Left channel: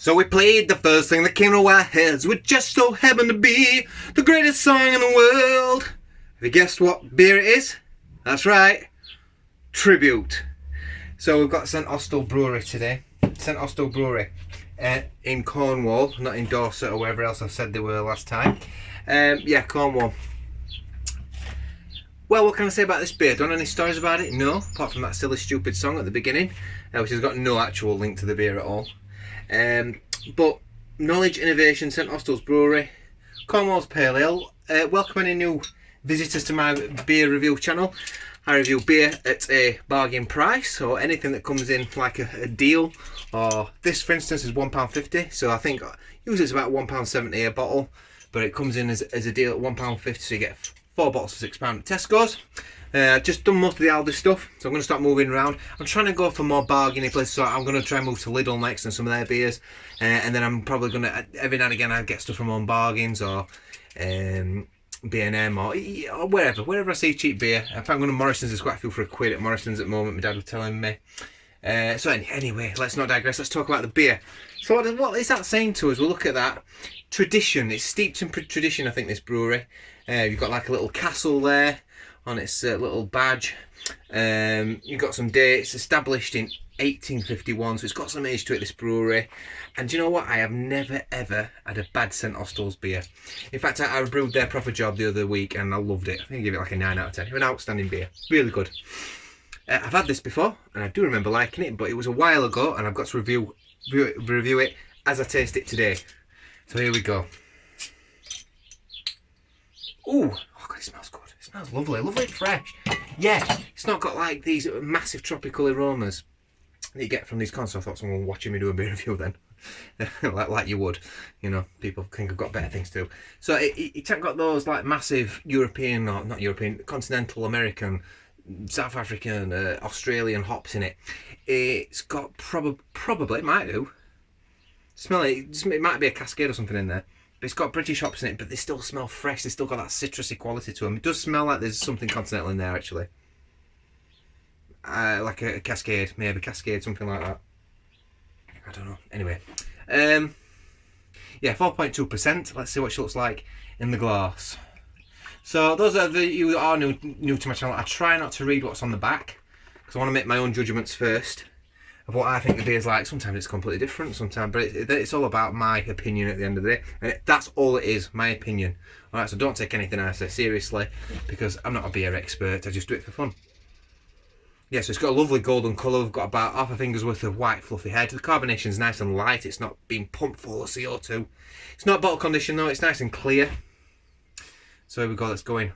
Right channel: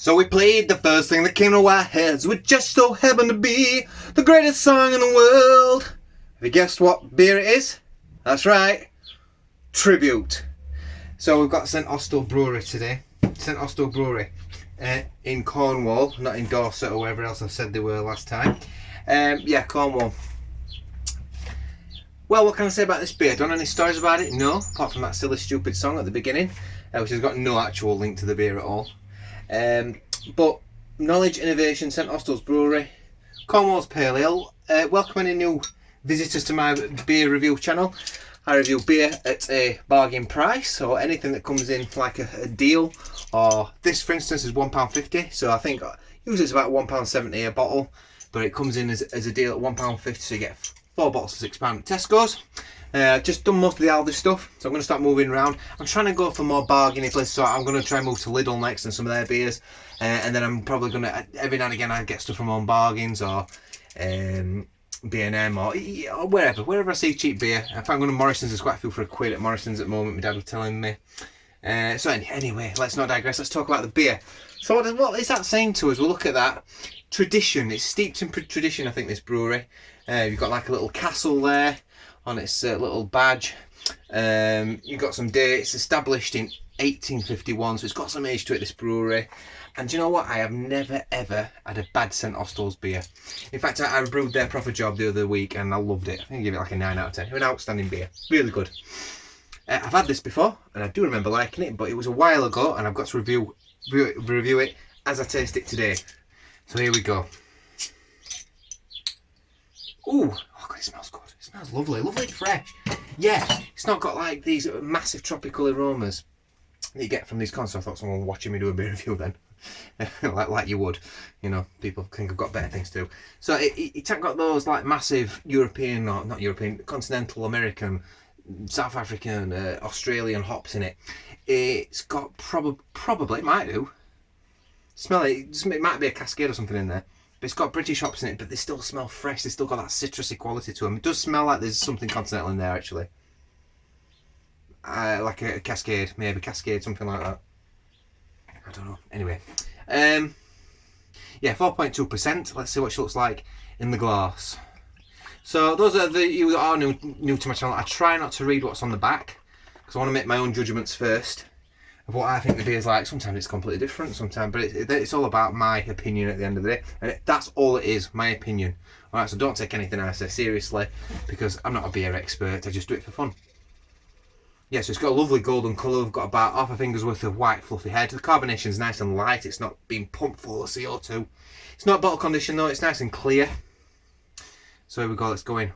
So we played the first thing that came to our heads, which just so happened to be the greatest song in the world. Have you guessed what beer it is? That's right, Tribute. So we've got St Austell Brewery today. St Austell Brewery in Cornwall, not in Dorset or wherever else I said they were last time. Yeah, Cornwall. Well, what can I say about this beer? Don't know any stories about it? No, apart from that silly stupid song at the beginning, which has got no actual link to the beer at all. But knowledge, innovation, St Austell's Brewery, Cornwall's Pale Ale. Welcome any new visitors to my beer review channel. I review beer at a bargain price, or anything that comes in for like a deal. Or this, for instance, is £1.50. So I think usually it's about £1.70 a bottle, but it comes in as a deal at £1.50. So you get 4 bottles for £6 at Tesco's. Just done most of the Aldi stuff, so I'm going to start moving around. I'm trying to go for more bargainy places, so I'm going to try and move to Lidl next and some of their beers. And then I'm probably going to, every now and again, I get stuff from Own Bargains or B&M or wherever I see cheap beer. If I'm going to Morrison's, there's quite a few for £1 at Morrison's at the moment, my dad was telling me. So anyway, let's not digress, let's talk about the beer. So what is that saying to us? We'll look at that. Tradition, it's steeped in tradition, I think, this brewery. You've got like a little castle there on its little badge. You've got some dates, established in 1851, so it's got some age to it, this brewery. And do you know what? I have never ever had a bad St Austell's beer. In fact, I brewed their proper job the other week and I loved it. I think I give it like a 9 out of 10. It was an outstanding beer, really good. I've had this before and I do remember liking it, but it was a while ago and I've got to review it as I taste it today. So here we go. Ooh, oh God, it smells good. It smells lovely, lovely and fresh. Yeah, it's not got like these massive tropical aromas that you get from these cons. So I thought someone watching me do a beer review then. like you would, you know, people think I've got better things to do. So it hasn't got those like massive European, or not European, continental American, South African, Australian hops in it. It's got probably, it might do. Smell it, it might be a Cascade or something in there. But it's got British hops in it, but they still smell fresh. They still got that citrusy quality to them. It does smell like there's something continental in there, actually. Like a Cascade, maybe Cascade, something like that. I don't know. Anyway, yeah, 4.2%. Let's see what she looks like in the glass. So those are you that are new to my channel. I try not to read what's on the back because I want to make my own judgments first of what I think the beer's like. Sometimes it's completely different, sometimes, but it's all about my opinion at the end of the day, and that's all it is, my opinion. All right, so don't take anything I say seriously because I'm not a beer expert. I just do it for fun. Yeah, so it's got a lovely golden colour. We've got about half a finger's worth of white fluffy head. The carbonation's nice and light. It's not being pumped full of CO2. It's not bottle conditioned though. It's nice and clear. So here we go. Let's go in.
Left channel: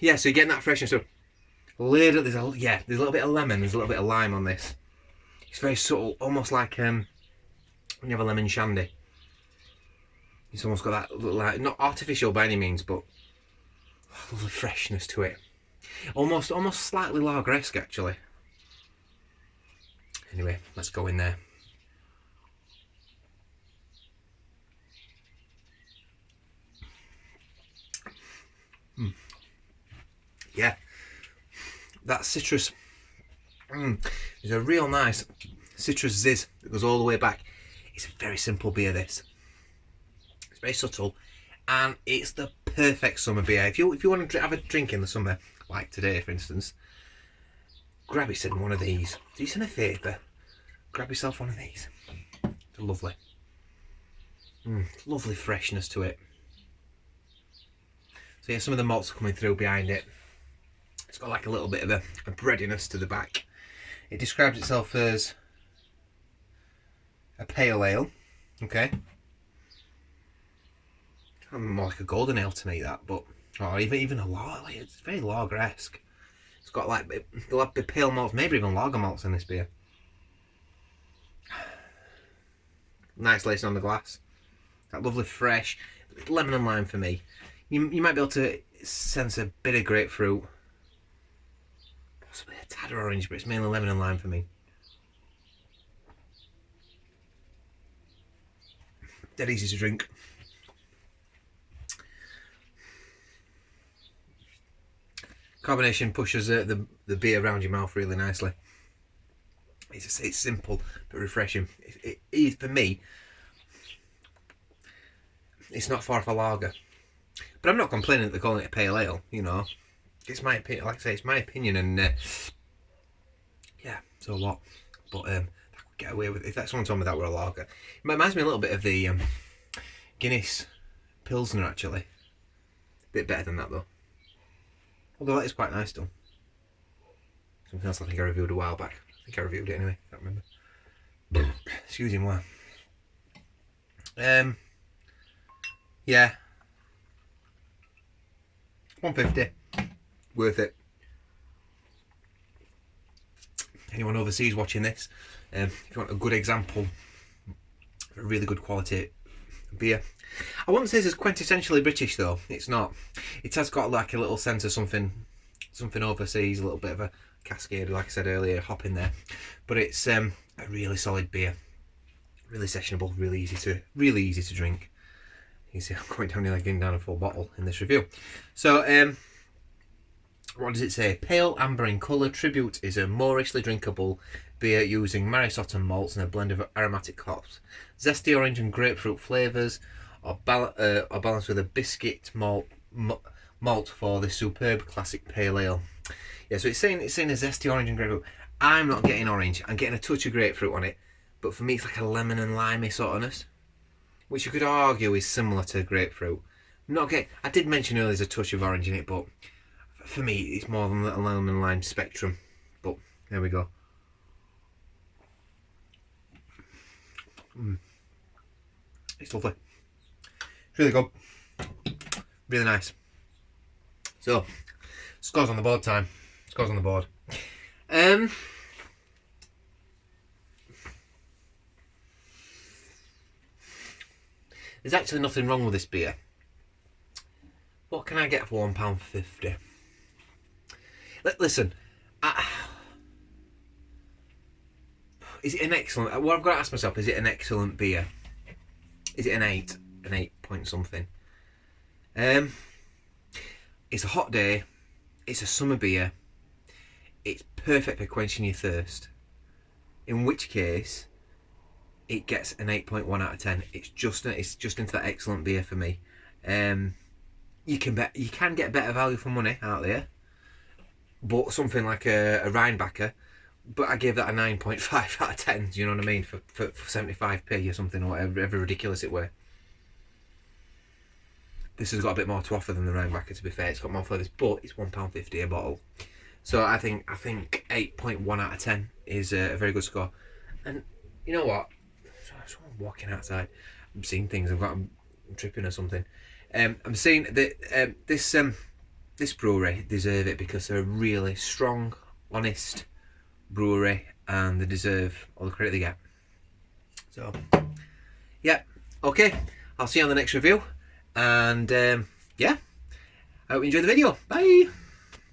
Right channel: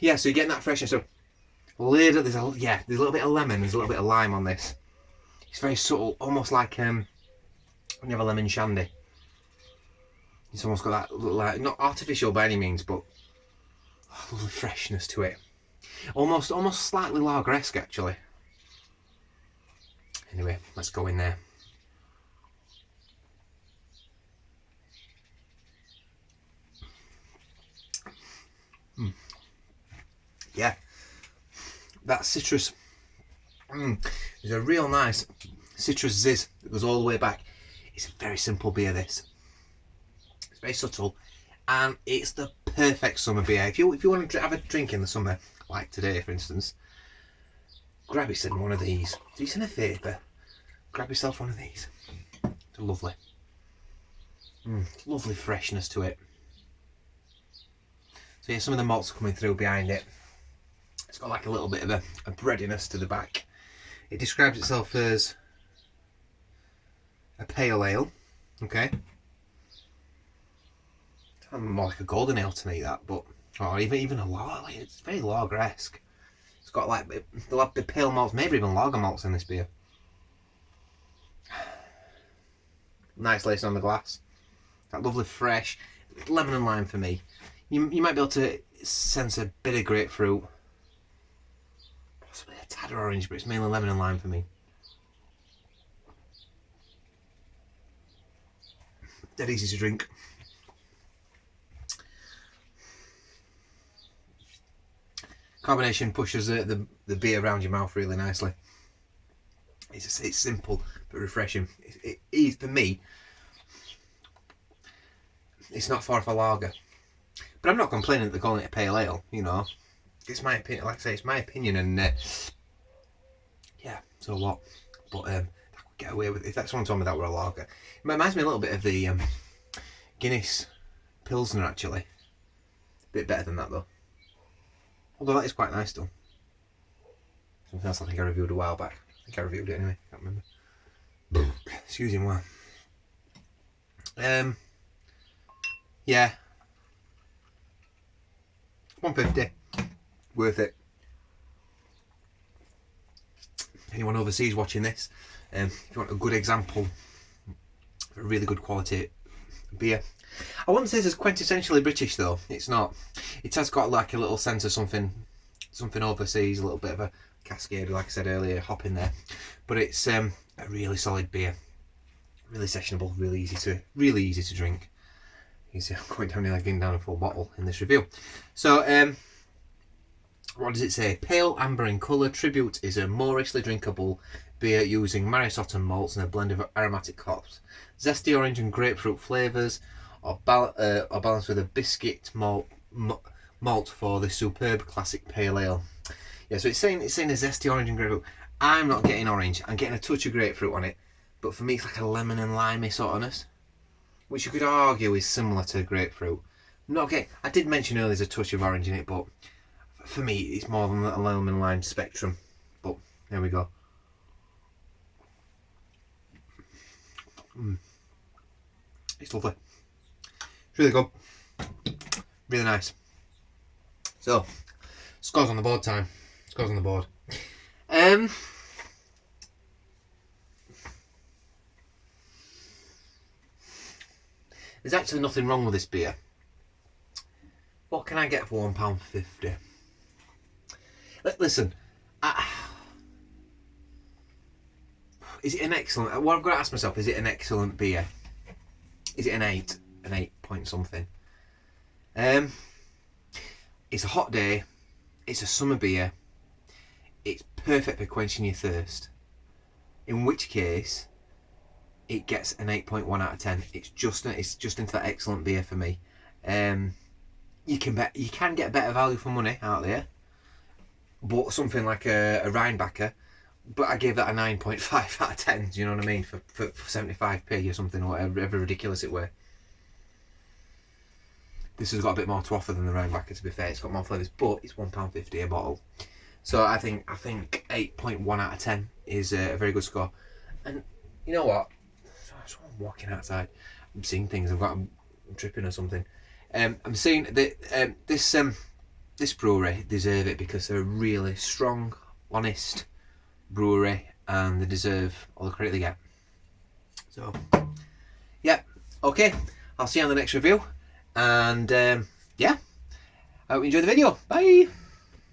Yeah, so you're getting that freshness. So there's a little bit of lemon. There's a little bit of lime on this. It's very subtle, almost like when you have a lemon shandy. It's almost got that, like, not artificial by any means, but lovely freshness to it. Almost slightly lager-esque, actually. Anyway, let's go in there. Yeah, that citrus. There's a real nice citrus zizz that goes all the way back. It's a very simple beer, this. It's very subtle, and it's the perfect summer beer. If you want to have a drink in the summer, like today, for instance, grab yourself one of these. Do yourself a favour. Grab yourself one of these. It's lovely. Lovely freshness to it. So yeah, some of the malts are coming through behind it. It's got like a little bit of a breadiness to the back. It describes itself as a pale ale. Okay. More like a golden ale to me, that, but or even a lager. It's very lager-esque. It's got like the pale malts, maybe even lager malts in this beer. Nice lacing on the glass. That lovely fresh lemon and lime for me. You might be able to sense a bit of grapefruit, possibly a tad of orange, but it's mainly lemon and lime for me. Dead easy to drink. Carbonation pushes the beer around your mouth really nicely. It's simple but refreshing. It is, for me, it's not far off a lager. But I'm not complaining that they're calling it a pale ale, you know. It's my opinion, like I say, it's my opinion, and yeah, so what? But I could get away with it. If that someone told me that were a lager. It reminds me a little bit of the Guinness Pilsner, actually. A bit better than that, though. Although that is quite nice, still. Something else I think I reviewed a while back. I think I reviewed it anyway, can't remember. Excuse me, why? Yeah. 150. Worth it. Anyone overseas watching this, if you want a good example of a really good quality beer. I wouldn't say it's quintessentially British though. It's not. It has got like a little sense of something overseas, a little bit of a cascade, like I said earlier, hop in there. But it's a really solid beer, really sessionable, really easy to drink. You see, I'm going down here getting down a full bottle in this review. So, what does it say? Pale amber in colour, Tribute is a moorishly drinkable beer using Maris Autumn malts and a blend of aromatic hops. Zesty orange and grapefruit flavours are balanced with a biscuit malt for the superb classic pale ale. Yeah, so it's saying a zesty orange and grapefruit. I'm not getting orange. I'm getting a touch of grapefruit on it, but for me it's like a lemon and limey sourness, which you could argue is similar to grapefruit. I did mention earlier there's a touch of orange in it, but for me it's more than a lemon and lime spectrum. But there we go. It's lovely. It's really good. Really nice. So, scores on the board time. Scores on the board. There's actually nothing wrong with this beer. What can I get for £1.50? Listen, is it an excellent... What I've got to ask myself, is it an excellent beer? Is it an 8? An 8 point something? It's a hot day. It's a summer beer. It's perfect for quenching your thirst. In which case, it gets an 8.1 out of 10. It's just into that excellent beer for me. You can get better value for money out there, but something like a Rheinbacher, but I gave that a 9.5 out of 10. Do you know what I mean? For 75p or something, or whatever ridiculous it were. This has got a bit more to offer than the Rheinbacher, to be fair. It's got more flavours, but it's £1.50 a bottle. So I think 8.1 out of 10 is a very good score. And you know what? So I'm walking outside. I'm seeing things. I'm tripping or something. I'm seeing that this brewery deserve it because they're a really strong, honest brewery, and they deserve all the credit they get. So, yeah, okay. I'll see you on the next review. And yeah, I hope you enjoyed the video. Bye.